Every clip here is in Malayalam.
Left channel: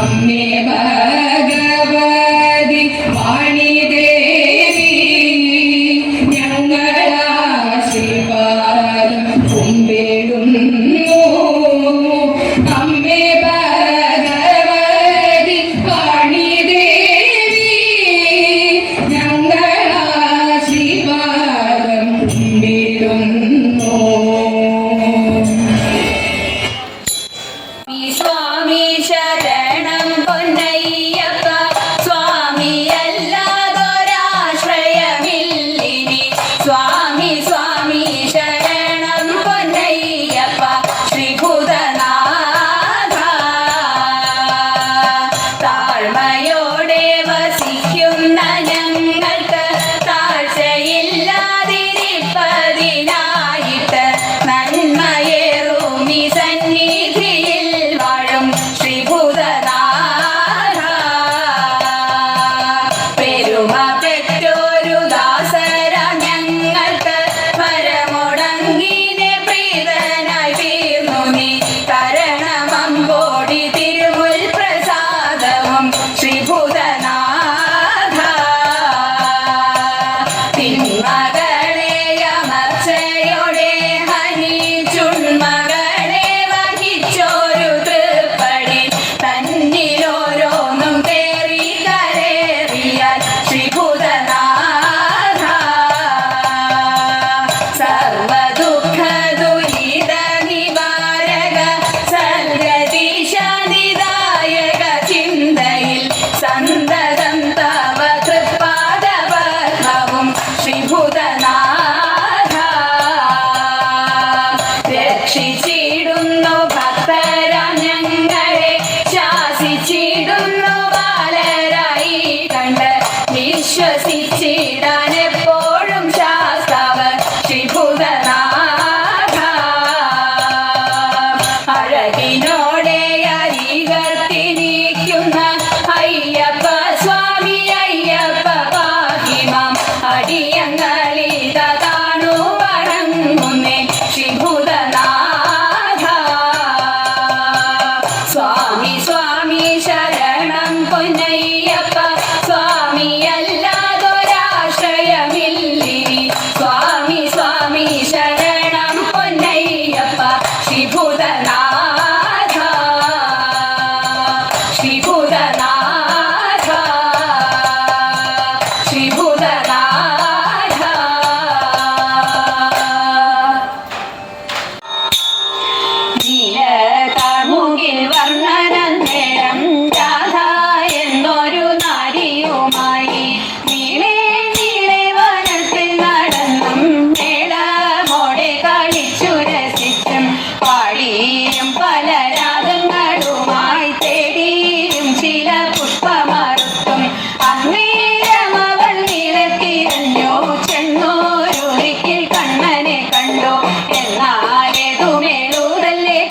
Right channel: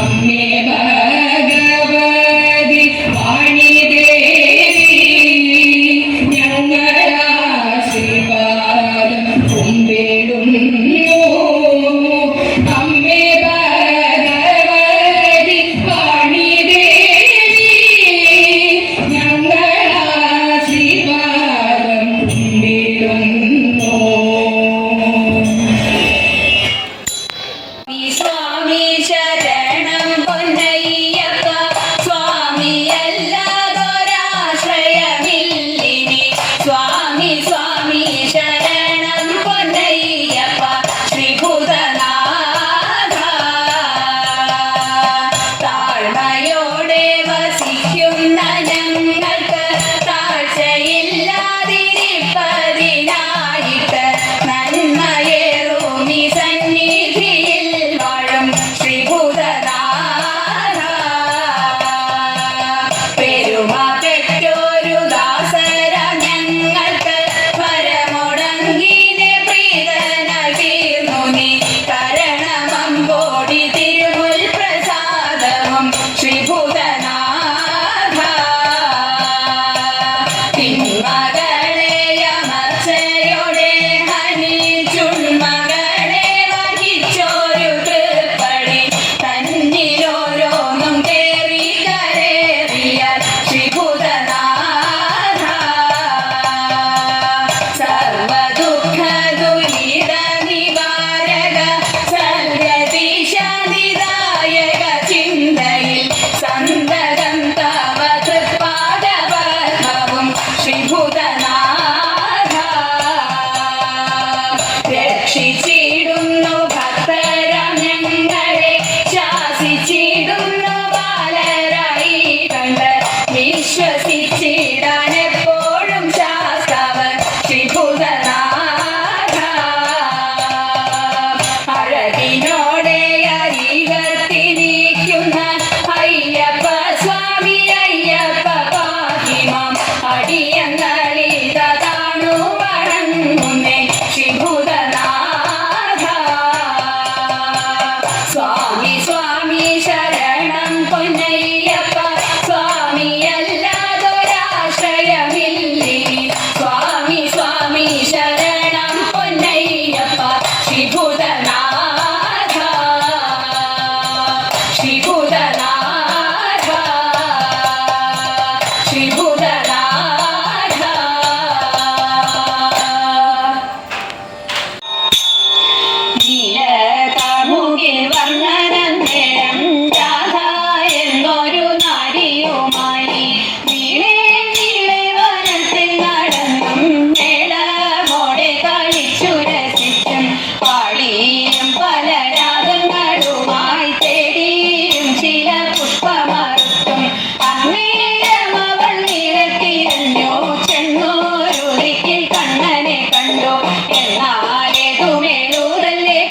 Amme Bhagavad പൊന്നയ്യപ്പ സ്വാമിയല്ലാതൊരാശ്രയമില്ലിനി സ്വാമി സ്വാമി ശരണം പൊന്നയ്യപ്പ ശ്രീഭൂതനാഥ ശ്രീഭൂതനാഥ ശ്രീഭൂതനാഥ നീലകമുകിൽ വർണ്ണനന്ദനം രാധ എന്നൊരു നാരിയുമായി നീളെ നീളെ വനത്തിൽ നടന്നും മേളമോടെ കളിച്ചു രസിച്ചും പാടിയും പല രാഗങ്ങളുമായി തേടിയും ചില പുഷ്പമറുത്തും അന്നേരമവൾ നിരത്തിരഞ്ഞു ചെന്നോരുളിക്കിൽ കണ്ണനെ കണ്ടു എന്നാലേതുമേലൂരല്ലേ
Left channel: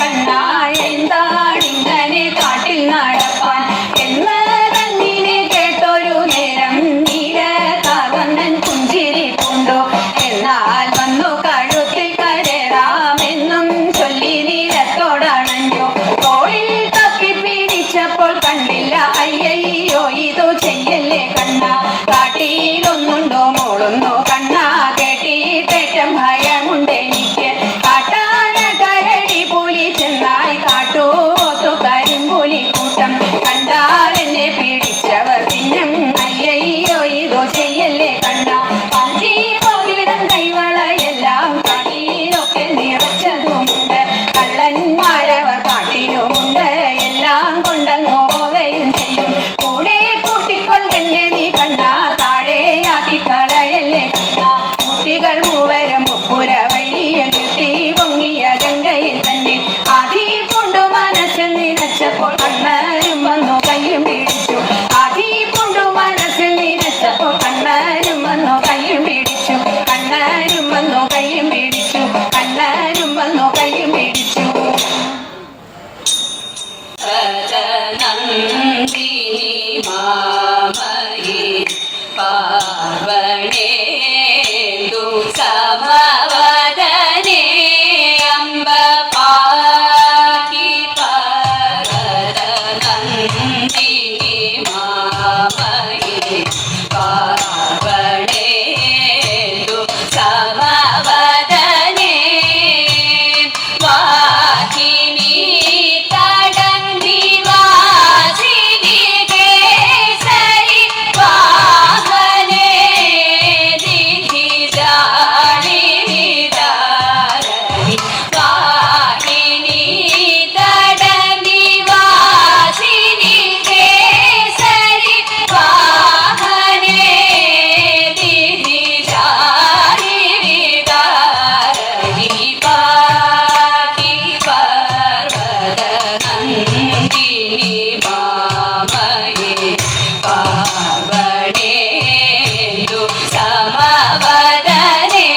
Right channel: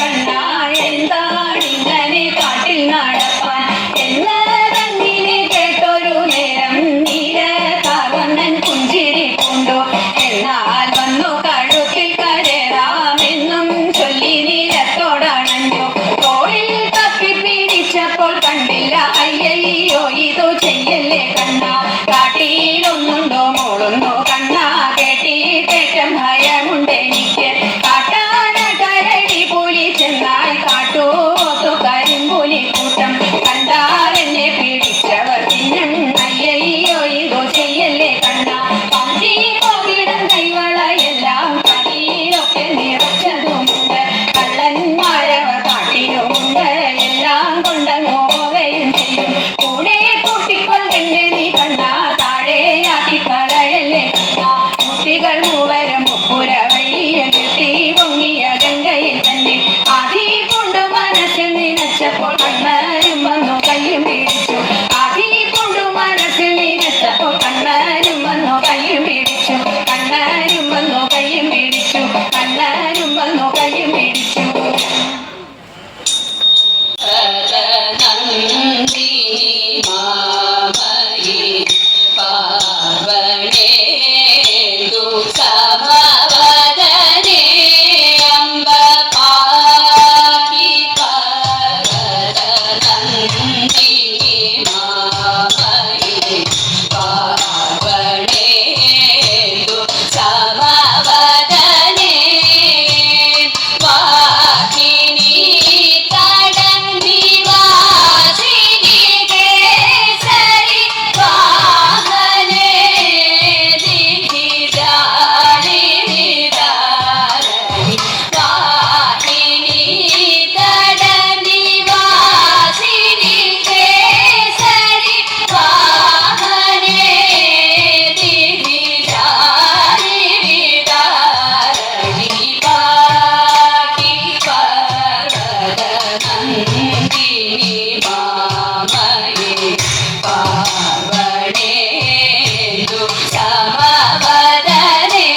കണ്ണാ എന്താണിങ്ങനെ കാട്ടിൽ നടപ്പാൻ എന്നതങ്ങിനെ കേട്ടൊരു നേരം നീലകാവന്നൻ പുഞ്ചിരി കൊണ്ടു എന്നാൽ വന്നു കഴുത്തിൽ കരേറാമെന്നും ചൊല്ലി നീലത്തോടണഞ്ഞു തോളിൽ തപ്പി പിടിച്ചപ്പോൾ കണ്ടില്ല അയ്യയ്യോ ഇതു ചെയ്യല്ലേ കണ്ണാ കാട്ടിയിലൊന്നുണ്ടോ മോളുണ്ടോ കണ്ണാ കേട്ടിട്ടേറ്റം ഭയമുണ്ടെനിക്ക് കാട്ടാന കരടി പുലി ചെന്നാൽ കാട്ടൂത്തു കരിമ്പുലി കൂട്ടം കണ്ടാലെന്നെ പിടിച്ചവർ തിന്നും അയ്യയ്യോ ഇതു ചെയ്യല്ലേ കണ്ണാ പഞ്ചി പോകിടം കൈവളയെല്ലാം കടിയിലൊക്കെ നിറച്ചതുമുണ്ട് കള്ളന്മാരവർ കാട്ടിലുമുണ്ട് എല്ലാം കൊണ്ടങ്ങ് പോവുകയും ചെയ്യും കൂടെ കൂട്ടിക്കൊണ്ടെന്നെ നീ കണ്ണാ താഴെയാക്കി കളയല്ലേ കണ്ണാ കുട്ടികൾ മൂവരും മുപ്പുര വഴിയും കിട്ടി പൊങ്ങിയ ഗംഗയിൽ തന്നെ ആദി കൊണ്ടു മനസ്സിൽ നിനച്ചപ്പോൾ കണ്ണനും വന്നു കയ്യും പിടിച്ചു ആദി കൊണ്ടു മനസ്സിൽ നിനച്ചപ്പോൾ കണ്ണനും വന്നു കയ്യും പിടിച്ചു കണ്ണനും വന്നു കയ്യും പിടിച്ചു കണ്ണനും വന്നു കയ്യും പിടിച്ചു നന്ദിനി മാമയി പാർവണേന്ദു സമവദനേ അംബ പാഹി പരത നന്ദിനി മാമയി പാർവണേന്ദു സമവദനേ വാഹിനി നിവാസിനി കേസരി വാഹനേ ദിധിരാളിനി ധാരണി വാഹിനി നിവാസിനി കേസരി വാഹനേ ദിധിരാളിനി ധാരണി പാഹി പർവത നന്ദിനി മാമയേ പാർവണേന്ദു സമവദനേ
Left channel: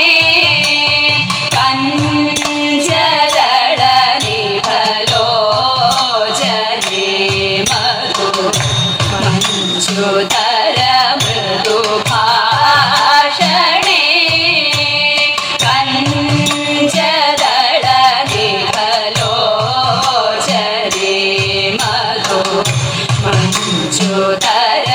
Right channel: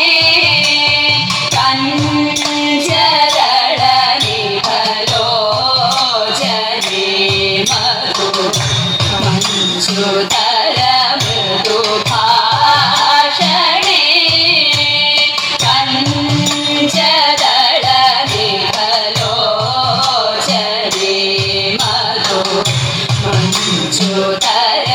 കഞ്ചദള നിഭലോചനേ മധു മഞ്ജുതര മൃദു ഭാഷണേ കഞ്ചദള നിഭലോചനേ മധു മഞ്ജുതര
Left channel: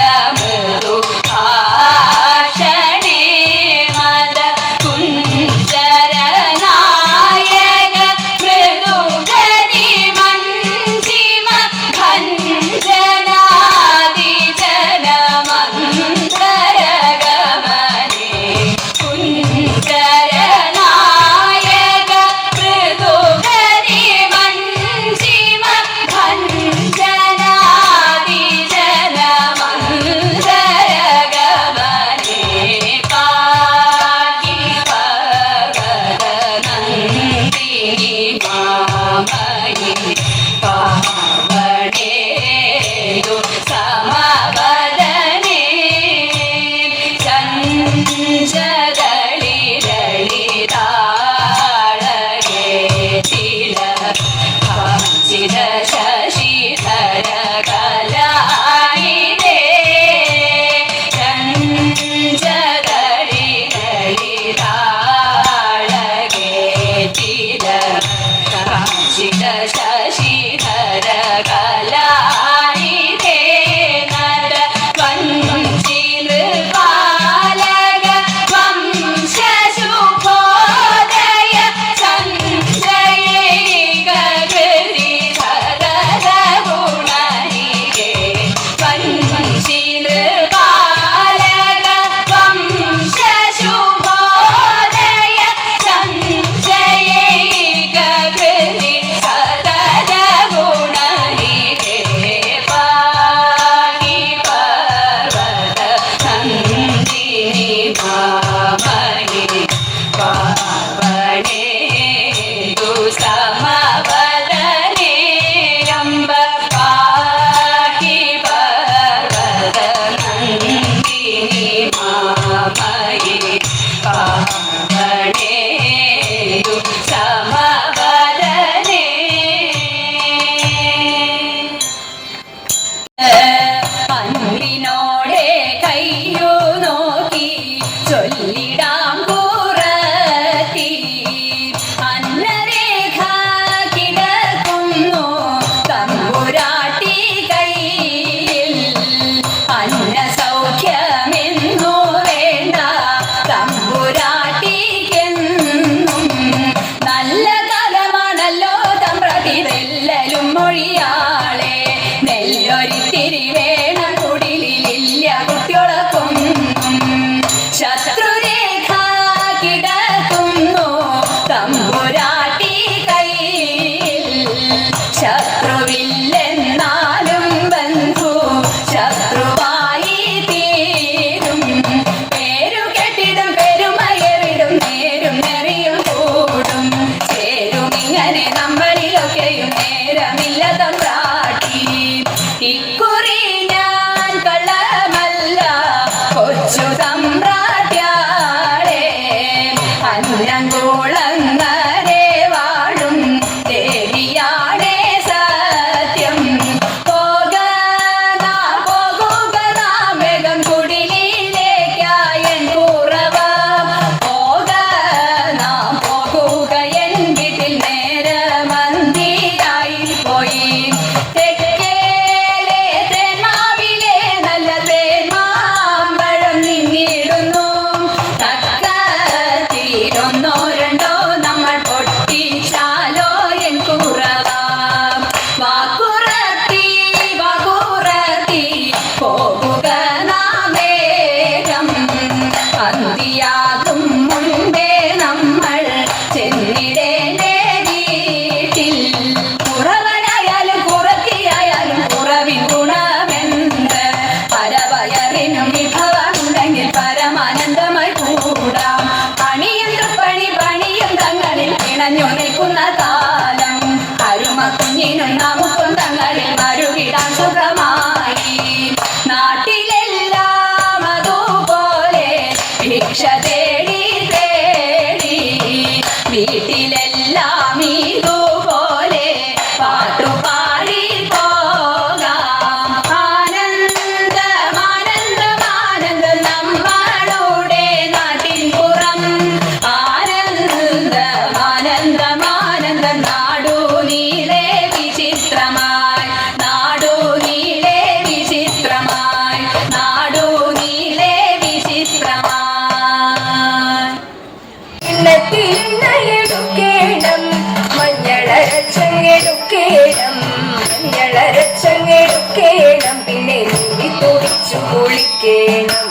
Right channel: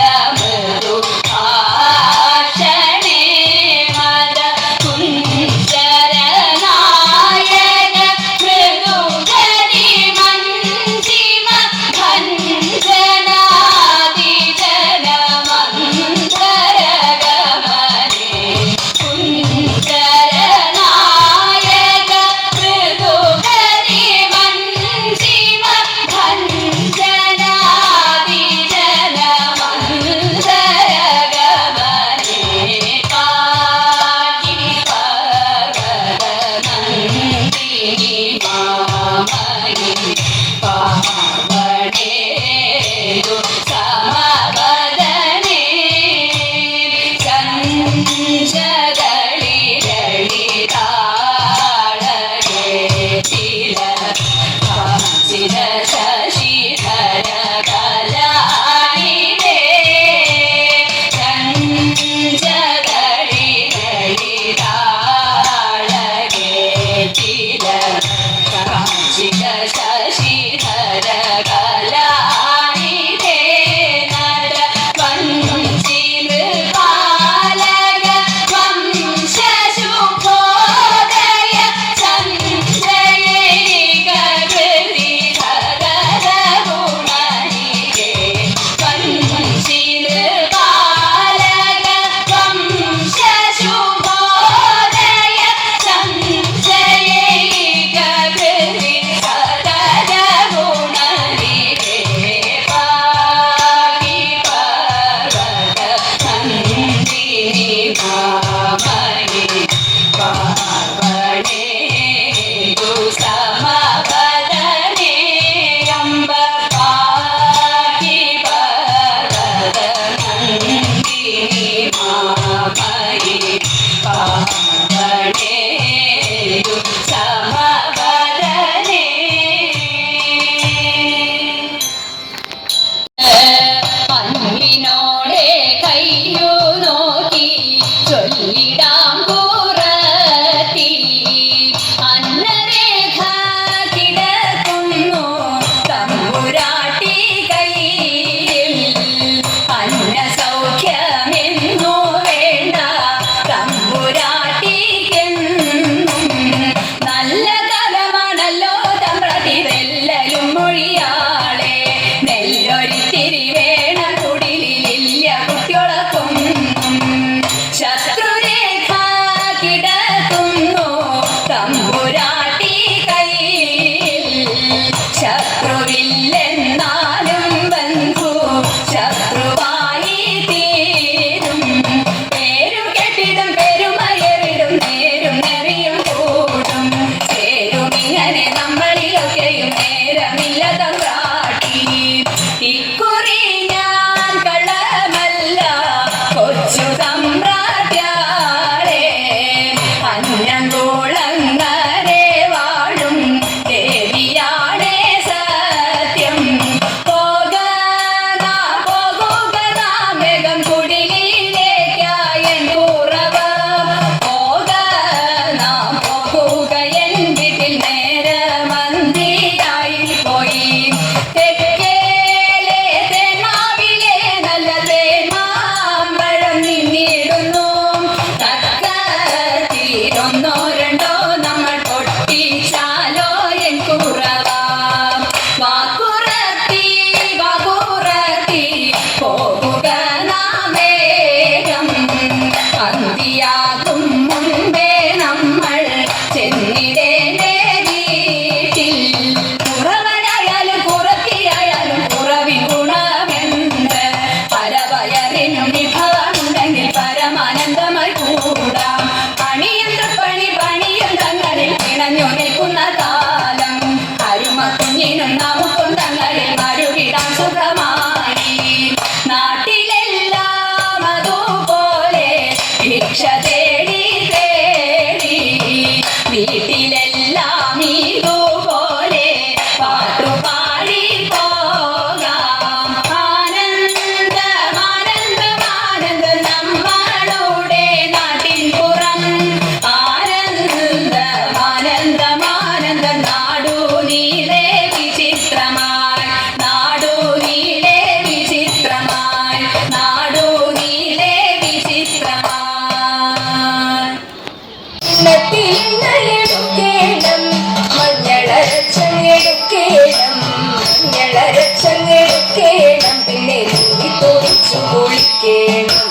മഞ്ഞളരച്ചങ്ങെടുക്കേണം മഞ്ഞളരച്ചങ്ങെടുക്കേണം മഞ്ഞളരച്ചങ്ങെടുക്കേണം പിന്നെ നീന്തി തുടിച്ചു കുളിക്കേണം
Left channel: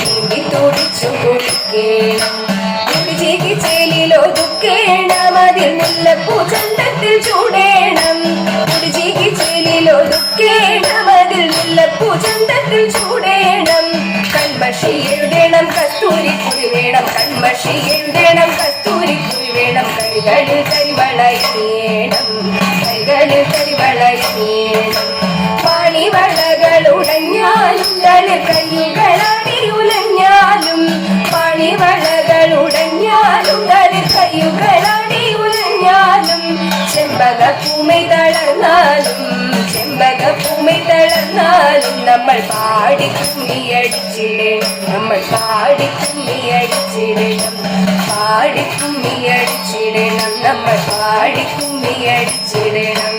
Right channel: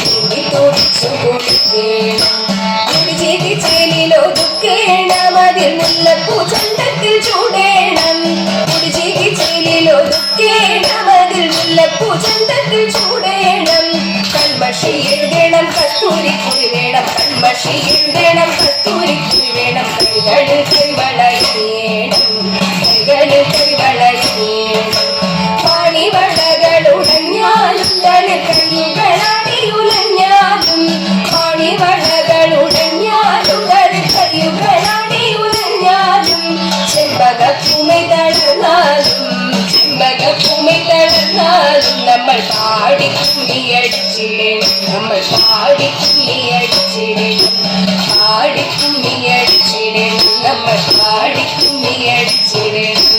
നീന്തി തുടിച്ചു കുളിക്കേണം കുടിചേരി ചേലിലൊതുക്കേണം അതിൽ മുല്ലപ്പൂ ചന്തത്തിൽ ചൂടേണം കുടിചേരി ചേലിലൊതുക്കേണം അതിൽ മുല്ലപ്പൂ ചന്തത്തിൽ ചൂടേണം കൺമഷി എഴുതേണം കസ്തൂരിക്കുഴി വേണം കൺമഷി എഴുതേണം കസ്തൂരിക്കുഴി വേണം കൈകളിൽ കൈവളയേണം കൈകളിൽ കൈവളയേണം പാണിവളകൾ ഉടഞ്ഞാലും തളിർ കയ്യുകളാടി ഉലഞ്ഞാലും പാണിവളകൾ ഉടഞ്ഞാലും തളിർ കയ്യുകളാടി ഉലഞ്ഞാലും ചെമ്പകപ്പൂമൈ തളർന്നാലും ചെമ്പകപ്പൂമൈ തളർന്നാലും നമ്മൾ പാടി കുമ്മിയടിച്ചിടണം നമ്മൾ പാടി കുമ്മിയടിച്ചിടണം പാടി കുമ്മിയടിച്ചിടണം നമ്മൾ പാടി കുമ്മിയടിച്ചിടണം